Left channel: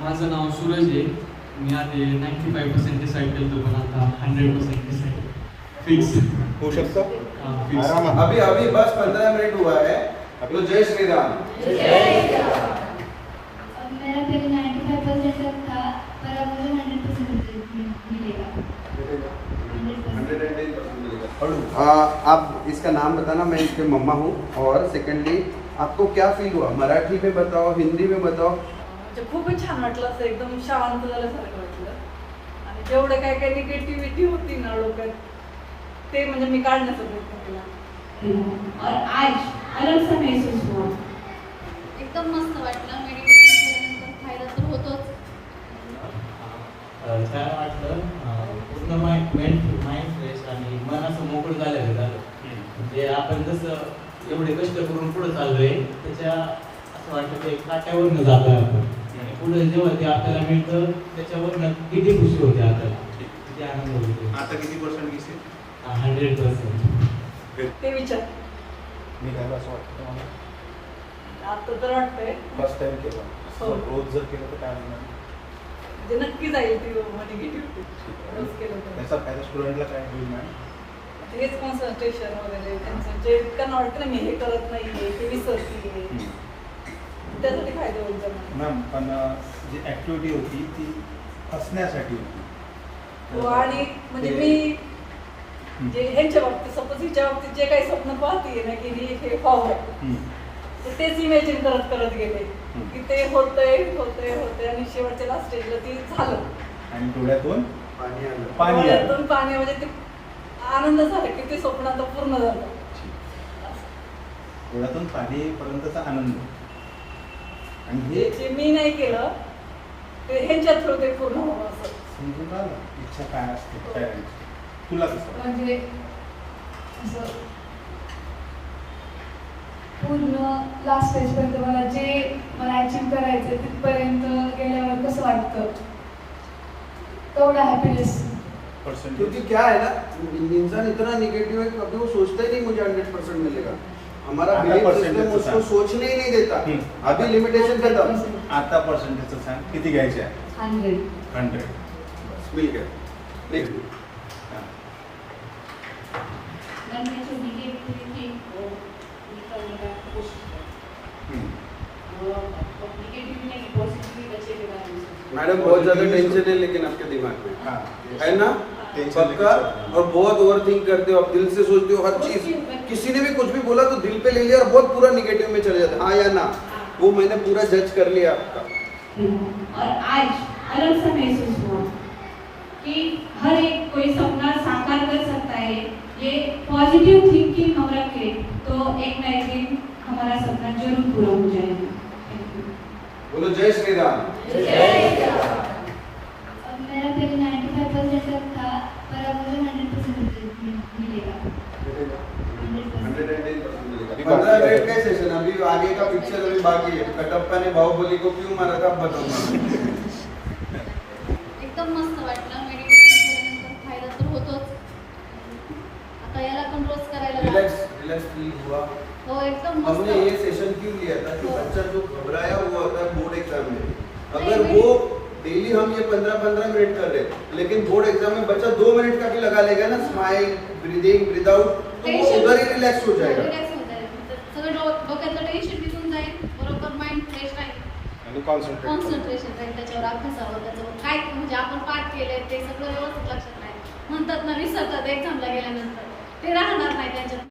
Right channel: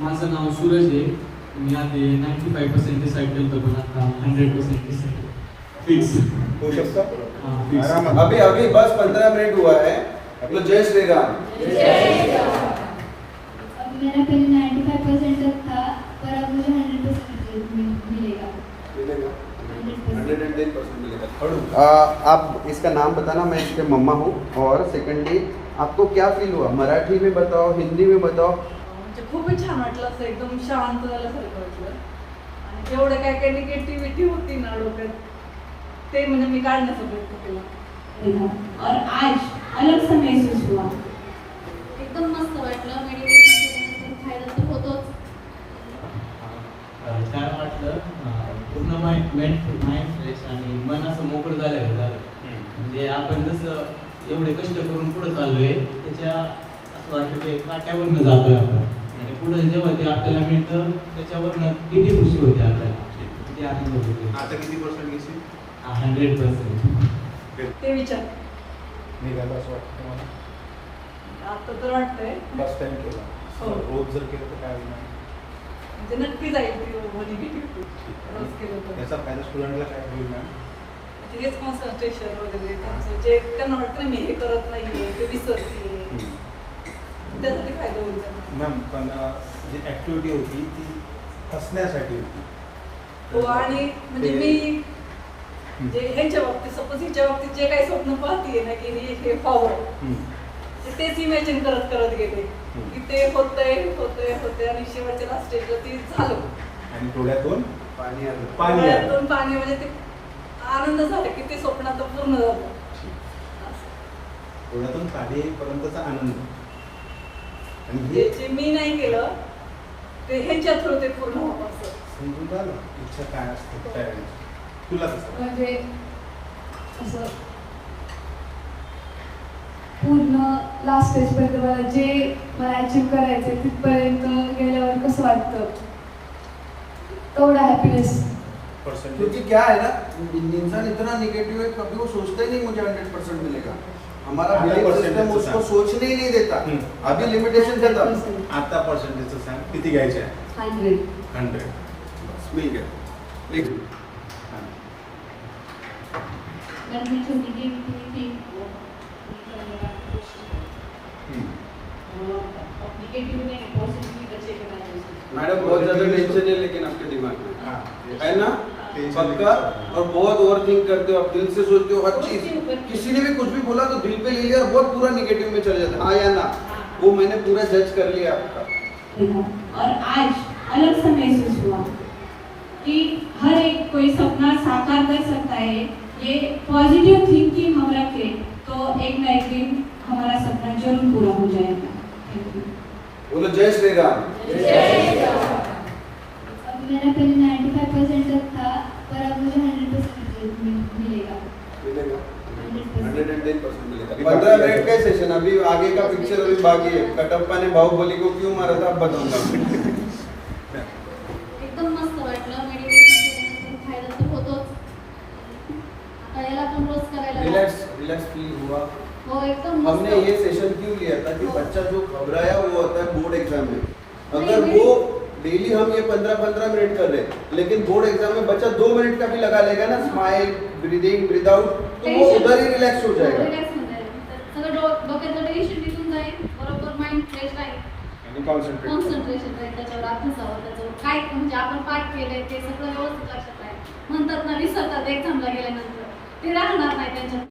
माझं नाव सूरज आहे. मी आधी 95% डिसाईड केलं पण आता 100% डिसाईड फिक्स हो सकता फिक्स. अभी अभी बस 15 मिनट हुआ है. तो जय श्री राम. मेरा पहले 95% तक था, पर अब मुझे 100% रिजल्ट मिलेगा. 110% मिलेगा. आप इसका नाम बताना. मैं इसके मम्मा हूँ. और सेकंडली आपको क्या फील हुआ? मराठी में बताओ, हिंदी में बताओ. खूपच छान वाटलं. असं एकदम शांत झाल्यासारखं वाटलं. आणि जेवढे काय काय निगेटिव्हिटी होती ना डोक्यात ते म्हणजे मी काढण्याचा प्रयत्न केला. और आज अलग सा महसूस हुआ. एकदम मस्त वाटलं. मेडिटेशन केल्यानंतर फायदा तर होतोच. छान वाटलं. पूर्ण माइंड फ्रेश आणि मन असं मोकळं झालेलं झालं. म्हणजे आपण जसं एवढे कष्ट करून पुढे चाललोय त्याच्या असं वाटतं की काट्यावरनं जातोय आपण. आणि पुढे जेव्हा ते आपल्याला मिळतं त्याच्यावरनं किती खुशी होते आपल्याला, किती आनंद होते. आता किती पर्सेंट दिसेल? 100%. ते विचार निघालं असं वाटतं तुम्हाला? आता तर वाटतंय फर्स्ट टाइम केलं. हो. रोज जर केलं तर काय होणार? म्हणजे नक्की जाईल ती निगेटिव्ह रोज केलं तर. त्याचा फायदा स्टुडंटला काय होईल ना? हेच कॉन्सन्ट्रेशन वगैरे त्यांचं जे त्यांना वाटतं ना मी हे करत नाहीये ते विसरते त्यासाठी फायदा होईल त्यांना. मॅम पण जी ॲक्टिव्हिटी होती ती हसण्यासाठी होती. हो. आणि म्हणजे मी जे ह्यांच्या बाबतीत सपोज हिच्या बाबतीत जे काही स्वप्न पाहतीये ना की हे व्हावं तेच इमॅजिन करत करत गेले की ते होतंय आणि शेवटच्या लास्ट स्टेजला ती झालं. आणि डोळ्यातून पाणी डोळ्यातून पाणी म्हणजे ते आनंद झाला की ते स्वप्न आता पूर्ण झालं. डोळ्यातून पाणी येईपर्यंतचा आनंद. आणि जे हे जे मी नाही केलं ते ह्यांच्या थ्रू ते पूर्ण व्हावं असं. समजून राहिलं इच्छा काय असते पॅरेंट्स. तुला कसं? म्हणजे असं पूर्ण लास्ट स्टेजपर्यंत मला अचीव करायचं तिथपर्यंत गेल्यावर कसं वाटतं तेवढा हॅपीनेस. क्योंकि क्या है ना, इंसान इतना निगेटिव है कभी वो सोचता ही नहीं मुझे 100% मिलेगा. हमारा आता बिलीफ percentage सिस्टम उसको सांग. सोचने ही नहीं देता. अभी लिमिटेशन देता. आता पर्सेंटेजचं सांग किती घ्यायचं आहे? 100. 100. मिल गया. लिख. मैंने जो निगेटिव थी वो निकालने का कोशिश की. वो निगेटिव नहीं पॉजिटिव बच्चे के बारे में. मैडम बहुत ज्यादा टेंशन है लेकिन आपके दिमाग में हाँ. है ना पक्का. और बहुत ओवर थिंक करते हो, आप दिल से सोचते हो हर चीज. किसी ने भी कुछ भी बोला तो दिल पे ले लिया और बहुत पूरा निगेटिव में चले जाते. हाँ या ना, वो मैंने पूरा जज कर लिया आपका. और आज अलग सा महसूस हुआ कि हर एक कोई सपना साकार कर सकता है. ये पॉजिटिव थिंकिंग हम रखें तो एक ना एक दिन हमारा सपना जरूर पूरा हो जाएगा. बोलो जय श्री राम. अब मेरा पहले 95% तक था, पर अब मुझे 100% रिजल्ट मिलेगा. 110% मिलेगा. 15 मिनट का सेशन. अभी आगे का पिक्चर अभी बाकी है. कटप्पा ने बाहुबली को क्यों मारा था अब बताऊंगा. एकदम मस्त वाटलं. मेडिटेशन केल्यानंतर फायदा तर होतोच. आता याला पण रोज करायला रिलैक्स फील हुआ. हो एकदम मस्त. हमने ये सेशन क्यों लिया था कि बच्चा जो घबराया हुआ होता है बोर्ड एग्जाम में, अगर नहीं, वो डेली हम ये 15-15 मिनट कर रहे हैं लेकिन बोर्ड एग्जाम में बच्चा 2 मिनट का भी लगा लेगा ना, स्माइल, ब्रीदिंग, ब्रीद आउट, तो वो उधर ही रिलैक्स हो जाएगा. रिलॅक्स होऊन जाईल. सगळं डोक्यातलं टेन्शन निघून जाईल. बरोबर माइंड फ्रेश राहील. आणि कॉन्सन्ट्रेट. कॉन्सन्ट्रेशन राहील त्याच्यावर अभ्यासावर. त्याच्यावर काय म्हणजे आपण पाठ केलंय ते सगळं व्यवस्थित लक्षात राहील. म्हणतात ना विसरतात एक्झामला गेल्यानंतर ते राहणार नाही त्याच्यात.